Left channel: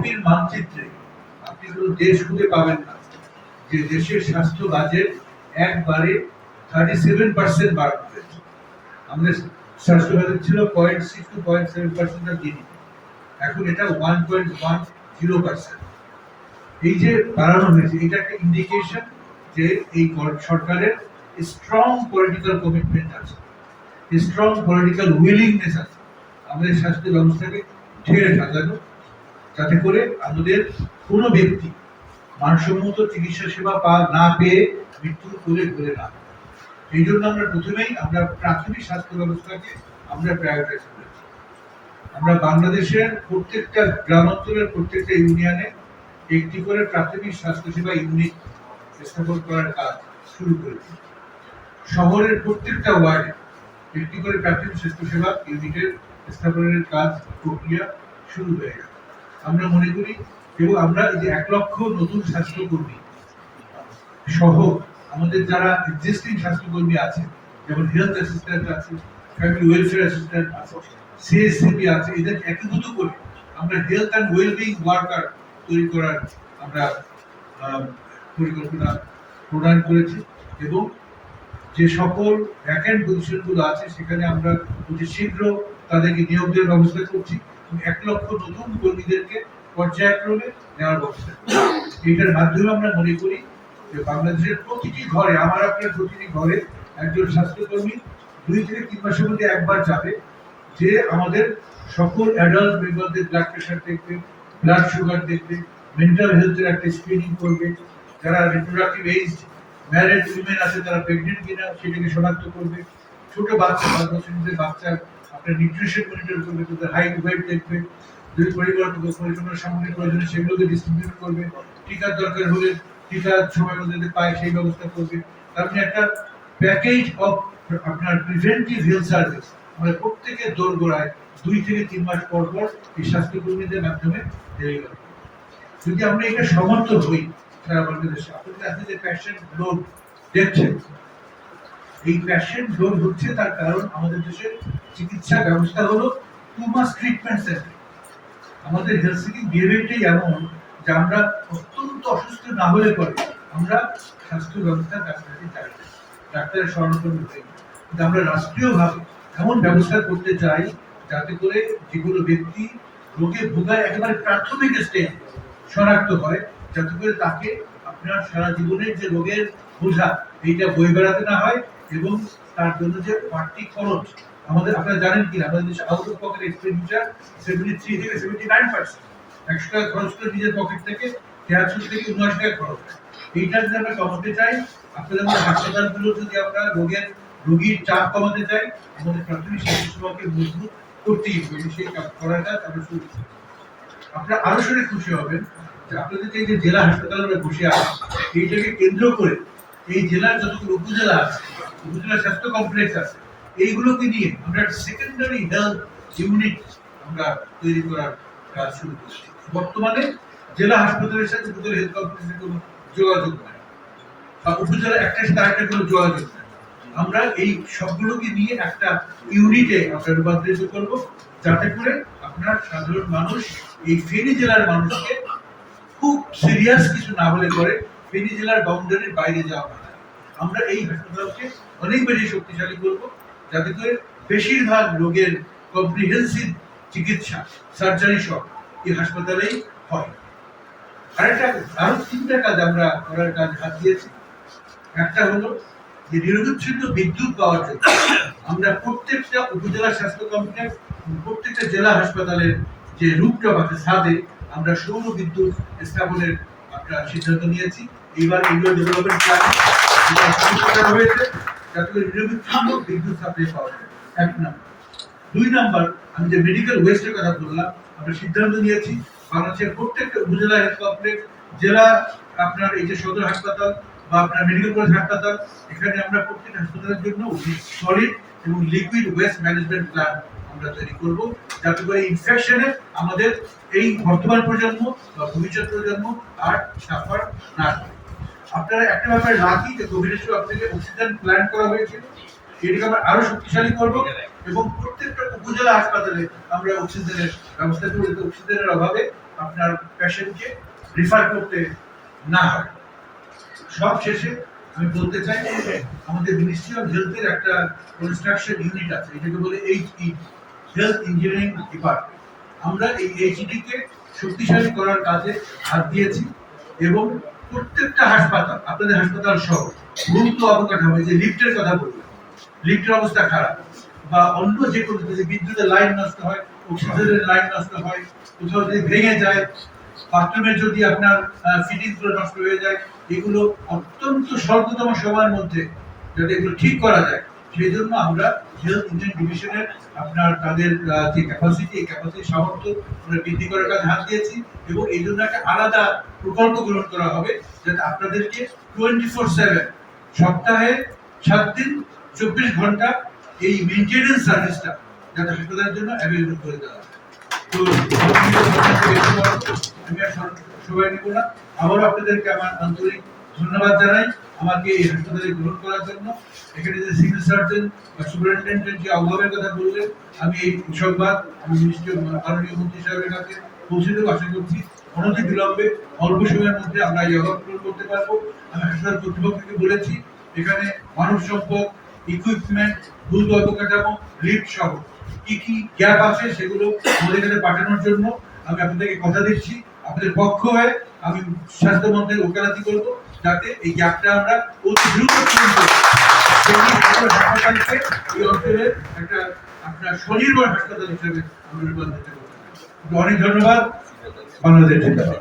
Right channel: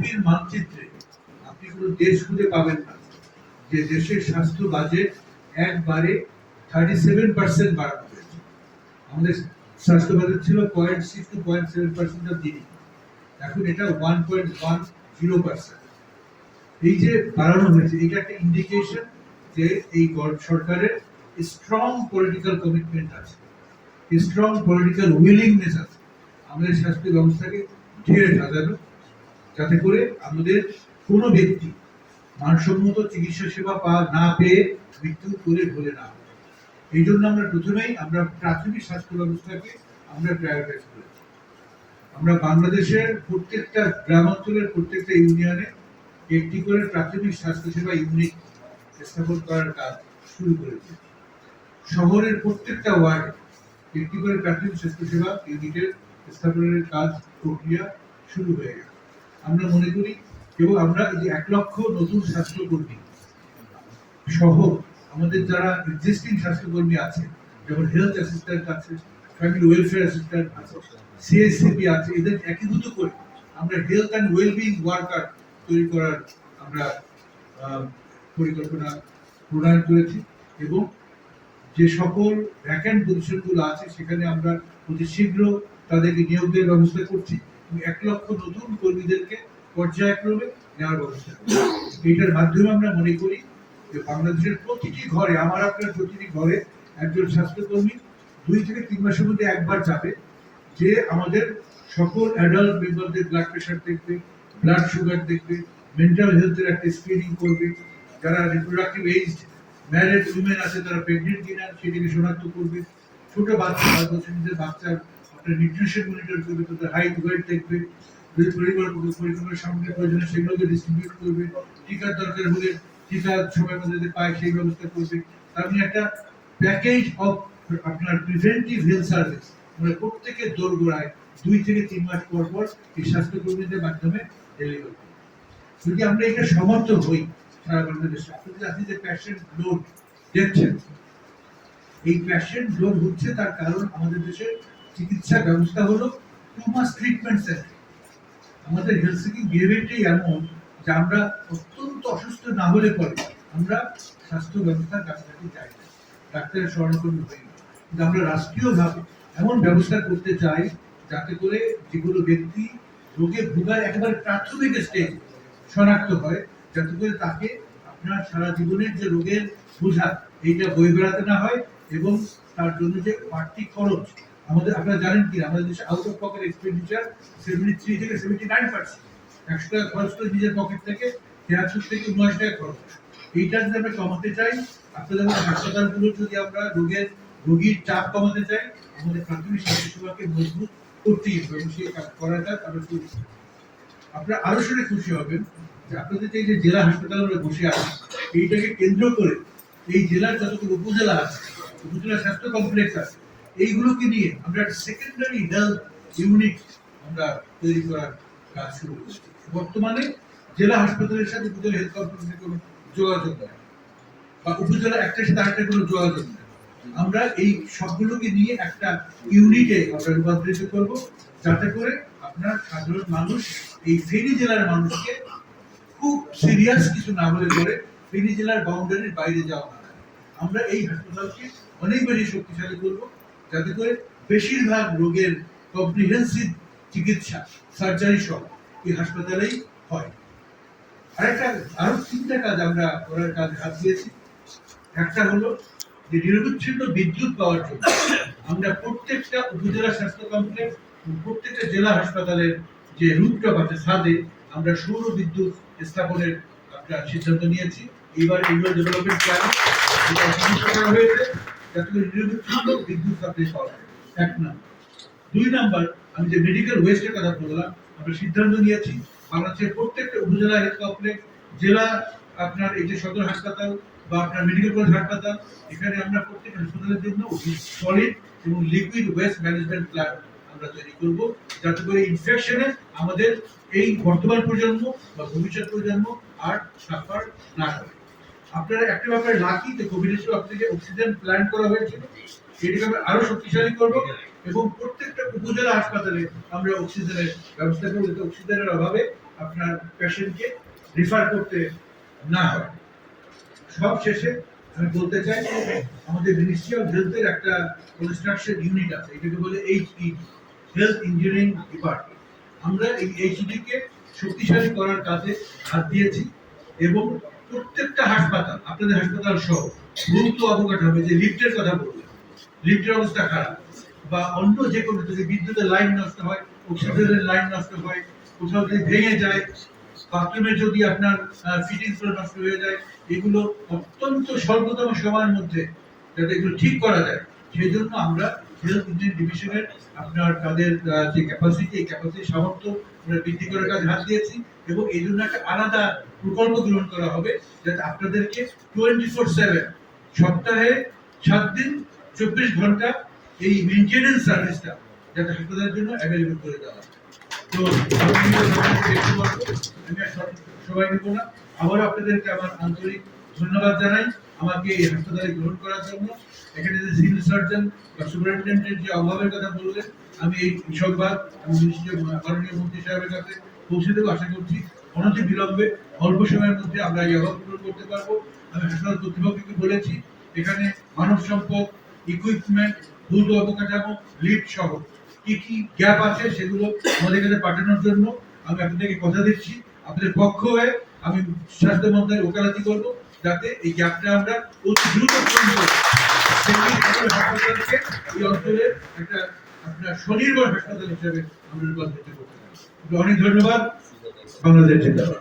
পৃথিবীর মানচিত্রে আপনি কোনো দেশ খুঁজে পাবেন না যে দেশের স্বাস্থ্য বাজেট একবারে 37% বাড়ানো হয়েছে। আমাদের স্বাস্থ্য বাজেট ছিল 0.6 to 0.7% অফ জিডিপি, এখন এটা 1.10%। এই যে বাড়ানো হয়েছে, এটা একটা ইন্ডিকেশন যে এই সরকারের স্ট্রং পলিটিক্যাল কমিটমেন্ট আছে, স্ট্রং পলিটিক্যাল উইলিংনেস আছে আমাদের স্বাস্থ্য ব্যবস্থাকে ঢেলে সাজানো, যাতে করে আমাদের কোনো ব্যক্তি মানসম্মত চিকিৎসা সেবা না পেয়ে মৃত্যুর কোলে ঢলে না। এই জন্য আমরা প্রথমেই প্রাথমিক স্বাস্থ্য ব্যবস্থাকে আমরা প্রায়োরিটাইজ করেছি। আমরা বাংলাদেশের প্রত্যেকটা গ্রামাঞ্চলের প্রত্যেকটা ইউনিয়নে একটি করে প্রাথমিক স্বাস্থ্যসেবা ইউনিট স্থাপন করার কাজ শুরু করেছি। শহরের প্রত্যেকটা ওয়ার্ডে একটি করে প্রাথমিক স্বাস্থ্যসেবা ইউনিটের স্থাপনের কাজ প্রক্রিয়া শুরু হয়ে গেছে। আমরা মনে করি, এবং আমরা এই যে 1 লক্ষ নতুন স্বাস্থ্যকর্মী সহ আমাদের যারা এক্সিস্টিং স্বাস্থ্যকর্মী আছে, যেমন হেলথ অ্যাসিস্ট্যান্ট আছে, ফ্যামিলি ওয়েলফেয়ার অ্যাসিস্ট্যান্ট আছে, সিএসসিপি আছে, এদের একীভূত করে আমরা হেলথ অ্যান্ড ওয়েলবিং ওয়ার্কার তৈরি করার আমরা পরিকল্পনা প্রণয়ন করেছি। এবং যে সকল ভ্যাকেন্ট পজিশনগুলো আছে সেখানে আমরা অতি শীঘ্র তাদেরকে নিয়োগ দেওয়ার ব্যবস্থা করছি। 1 লক্ষ নতুন কর্মীদেরকে পর্যায়ক্রমে নেওয়ার ব্যবস্থা করছি। এইটার মাধ্যমে আমরা মনে করি যে বাংলাদেশের প্রতিটি ঘরে, আমার আপনার প্রতিটি ঘরে একজন স্বাস্থ্যকর্মী 2 থেকে 3 মাসের মধ্যে একবার যাবে, যে আমাদের সকল অ্যাডাল্ট মেম্বারদের ব্লাড প্রেশার দেখবে, ব্লাড সুগার দেখবে, মেন্টাল হেলথের একটা স্ক্রিনিং করবে, যারা রিপ্রোডাক্টিভ এজ ম্যারিড উইমেন আছে তারা প্রেগনেন্ট কিনা সেটাকে শনাক্ত করবে, ছোট বাচ্চা 5 বছরের বাচ্চার আপনার নিউট্রিশন মনিটর করবে, তাদের হাইট ওয়েট দেখবে, যদি পরিকল্পনার সামগ্রিক প্রয়োজনে সেগুলোকে ডিস্ট্রিবিউট করবে, টিকার দরকার হলে টিকা সময় মধ্যে পায় সেই ব্যবস্থা করবে। তার মানে একটা প্যাকেজ অফ আপনার প্রিভেন্টিভ হেলথ সার্ভিস আমরা প্রত্যেকের দোরগোড়ায় 2 থেকে 3 মাস পর পর এই স্বাস্থ্যকর্মীদের মাধ্যমে ডেলিভারি। যদি আমরা এটা সমর্থ হই সারা বাংলাদেশে, আপনাদের আজকে যে প্যাশেন্ট লোড দেখছেন, এই প্যাশেন্ট লোড হচ্ছে তার কারণ আমাদের দেশের চিকিৎসা ব্যবস্থা হলো টু মাস ট্রিটমেন্ট সেন্টার। আমাদের হেলথ সিকিং বিহেভিয়ারটাই এমন যে আমরা অত্যন্ত অসুস্থ না হলে পরে আমরা স্বাস্থ্য ব্যবস্থার কাছাকাছি যাই, ডাক্তারের শরণাপন্ন হই। কিন্তু আমরা রাষ্ট্রীয়ভাবে এমন ব্যবস্থা করতে চাই যাতে করে যেগুলো ব্যক্তি রোগে ভোগায় একেবারে প্রাথমিক স্টেজ শনাক্ত হয়, যাতে করে তাকে আপনার সারা জীবনের যে রোগের বোঝা এইটা বয়ে বেড়াতে না হয়, এবং তার জন্য যে বাড়তি খরচ আমাদের, আপনারা জানেন কিনা আমাদের দেশে আউট অফ পকেট এক্সপেন্ডিচার 73 থেকে 79%। 100 টাকা খরচ করে নিজের পকেট থেকে 73 থেকে 79 টাকা খরচ হয়। এইটা যদি আমরা কমাতে চাই, আপনাদের মধ্যে হাসপাতালগুলো যদি আমরা রোগীর চাপ কমাতে চাই, আমাদের প্রাথমিক স্বাস্থ্যসেবাকে মজবুত করতেই হবে। সেই কাজ করার কাজ আমরা শুরু করছি। আপনারা আরো শুনে খুশি হবেন যে আপনাদের এই যে জেলা হাসপাতালগুলো বসে আছে, এইটাকে কেন্দ্র করে এই জেলার যতগুলো উপজেলা আছে, উপজেলা স্বাস্থ্য কমপ্লেক্স আছে, এইগুলোকে নিয়ে আমরা সেকেন্ডারি হেলথ ইউনিট আমরা তৈরি করার কাজ শুরু করছি। বর্তমানে জেলা হাসপাতালের সাথে উপজেলা হেলথ কমপ্লেক্সের কোনো যোগাযোগ নেই, বা উপজেলা একটার সাথে আরেকটা কোনো যোগাযোগ নেই। আমরা এই সবগুলোকে নিয়ে একটা ইউনিটে আমরা রূপান্তরিত করব, যাতে করে আপনার সাধারণ মানুষ, এই ফেনী জেলার মানুষকে খুব সিরিয়াস কিছু না হলে পরে ফেনী জেলার বাউন্ডারির বাইরে যাওয়া না। আমরা এই হাসপাতালকে অনেক বেশি শক্তিশালী করব, যাতে করে বেশিরভাগ রোগের কম্প্রিহেন্সিভ চিকিৎসা, সার্জারি সব এই হাসপাতালেই হয়। আরো 3টা কাজ আমরা করার কাজ হাত দিয়েছি। একটা হলো যে নিরবিচ্ছিন্ন বিদ্যুৎ পাওয়ার জন্য আমরা প্রত্যেকটা উপজেলা স্বাস্থ্য কমপ্লেক্স, প্রত্যেকটা জেলা হাসপাতালের যে রুপটপ আছে ছাদে আমরা সৌর বিদ্যুৎ স্থাপনের একটা সিদ্ধান্ত নিয়েছি। এইবার এগুলো ডেভেলপমেন্ট প্ল্যান হয়েছে, যাতে করে নিরবিচ্ছিন্ন বিদ্যুৎ সাপ্লাই পাওয়া যায়। 1 নম্বর। 2 নম্বর, আমি যে মেডিকেল ওয়েস্টের কথা বললাম, আমরা সিদ্ধান্ত নিয়েছি বাংলাদেশের প্রত্যেকটা উপজেলা হেলথ কমপ্লেক্স, জেলা আপনার এই যে সদর হাসপাতাল বা আপনার মেডিকেল কলেজ হাসপাতাল, এখানে আমরা প্রত্যেক হাসপাতালের জন্য সলিড এবং লিকুইড ওয়েস্ট ম্যানেজমেন্ট প্ল্যান আমরা তৈরি করব, যাতে করে ইনফেকশনে আমাদের এই বর্তমান প্রজন্ম বা ভবিষ্যৎ প্রজন্ম আর সাফার না করে। আপনারা একটা ব্যাপারে লাকি যে কোভিডের সময় আপনাদেরকে অক্সিজেন প্ল্যান করা হয়েছিল, এটাকে আমরা আরো শক্তিশালী করব, এবং প্রত্যেকটা উপজেলা হাসপাতালে আমরা অক্সিজেনের ব্যবস্থা করব, যাতে অক্সিজেনের অভাবে আপনার পেশেন্টকে রিফার করতে না হয়। সব শেষে আমি বলতে চাই যে আমাদের মিনিস্ট্রি অফ হেলথের একটা কনস্ট্রাকশন ইউনিট আছে, এটাকে বলে HED, হেলথ ইঞ্জিনিয়ারিং ডিপার্টমেন্ট। আমরা এই HED কে শক্তিশালী করার কাজে হাত দিয়েছি এবং প্রত্যেকটা হাসপাতাল, আপনাদের হাসপাতাল সহ দ্রুত অবকাঠামো, যে লিফটের কথা বললেন, লিফটের অবস্থা খারাপ, বা অন্য যে কোনো, যদি বিদ্যুতের লাইন নষ্ট হয়, অক্সিজেনের লাইন নষ্ট হয়, কোথাও যদি ভেঙে যায়, বাথরুমের যদি আপনার ফিটিংস গুলো নষ্ট হয়ে যায়, এগুলো অত্যন্ত স্বল্পতম সময়ের মধ্যে যাতে এগুলো ঠিক করা যায়, সেই জন্য আমরা হেলথ ইঞ্জিনিয়ারিং ডিভিশনের আপনার তাদের যে ক্যাপাসিটি, এই ক্যাপাসিটি সামর্থ্য বৃদ্ধি করার কাজে হাত দিয়েছি এবং এই জন্য একটা আলাদা প্রকল্প গ্রহণ করা হবে, যাতে আপনাদেরকে 24/7 সপ্তাহে 7 দিন 24 ঘন্টা এই মেইনটেনেন্স সার্ভিসটা যাতে হাসপাতালের জন্য অ্যাভেলেবল করে দেওয়া হয়। তো আমি আর সবাই নিব না, আবারও আপনাদেরকে আমার আন্তরিক ধন্যবাদ জানাই আমাকে এই হাসপাতালে গ্রহণ করার জন্য। এখানে যে সিভিল সার্জন বা সুপারিনটেন্ডেন্টের যে অভাবের কথা বললেন, আমি এই সংবাদ আমি মাননীয় মন্ত্রী সাহেবের কাছে পৌঁছে দেবো। আশা করছি অনতি বিলম্বে অল্প সময়ের মধ্যে আমরা এই অভাব পূরণ করতে পারবো। আমি হাসপাতাল কর্তৃপক্ষকে বলেছি এখানে মানব সম্পদ, ইকুইপমেন্ট, দ্রুত অবকাঠামো, লিফট সহ কি কি গ্যাপ আছে সেগুলো আমাদের কাছে পাঠানোর জন্য আমি আপনাদেরকে কথা দিচ্ছি। আপনাদের পক্ষ হয়ে আমি স্বাস্থ্য মন্ত্রণালয়ে ওকালতি করব, যাতে এই গ্যাপটা আমরা অতি দ্রুত পূরণ করি। হাসপাতালকে এই অঞ্চলের একটা আপনার স্বনির্ভর হাসপাতাল হিসেবে আমরা রূপান্তরিত করতে পারি। অনেক ধন্যবাদ। বাংলাদেশ জিন্দাবাদ।